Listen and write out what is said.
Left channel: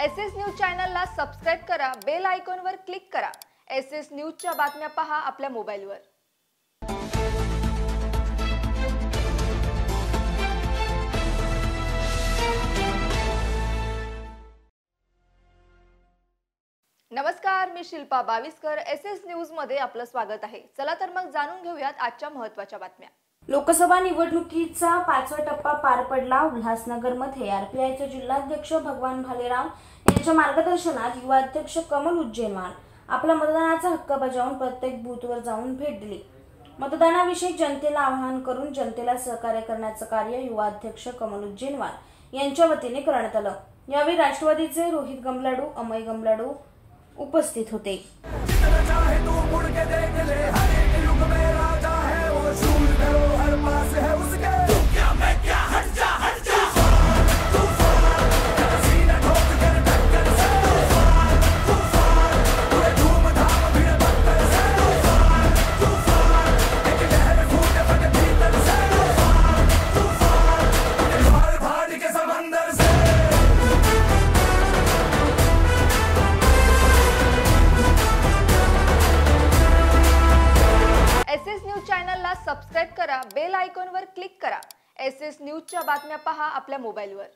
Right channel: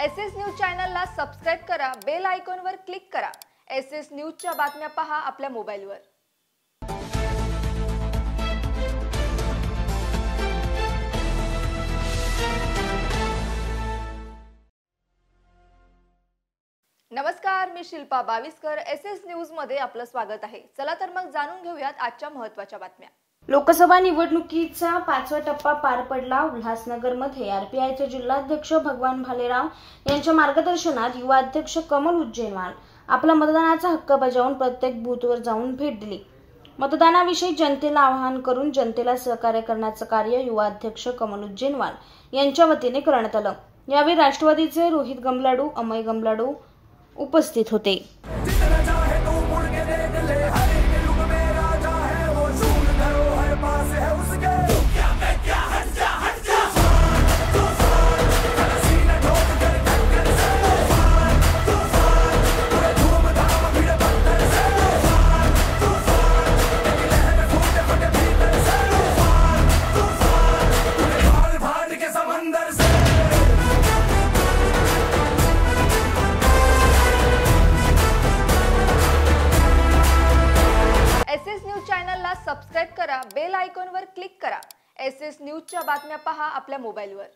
SS news चॅनलला subscribe करा, bell आयकॉनवर क्लिक करा। एसएस न्यूजच्या बातम्या पहा आपल्या मोबाईलवर। नमस्कार, मी शिल्पा बाविस्कर। एसएस न्यूज मध्ये आपलं स्वागत आहे। चला तर मग जाणून घेऊयात आजच्या महत्त्वाच्या बातम्या। लोकसभा निवडणुकीचा 5वा टप्पा पार पडला। उल्हासनगरमध्ये आरपीआयचे जिल्हाध्यक्ष भगवान भालेराव यांच्या मार्गदर्शनात युवा अध्यक्ष कमल उज्जैनवाल आपला मतदानाचा हक्क बजावून प्रत्येक बूथवर जाऊन भेट दिली। मतदानाविषयी जनतेला आवाहन करून जनतेला सहकार्य करण्याचं कार्य युवा अध्यक्ष कमल उज्जैनवाल यांच्या वतीने करण्यात आलं। यावेळी राष्ट्रवादीचे रोहित गमलाडू, अमय गमलाडू उपस्थित होते। एसएस न्यूज चॅनलला सबस्क्राइब करा, बेल आयकॉनवर क्लिक करा। एसएस न्यूजच्या बातम्या पहा आपल्या मोबाईलवर।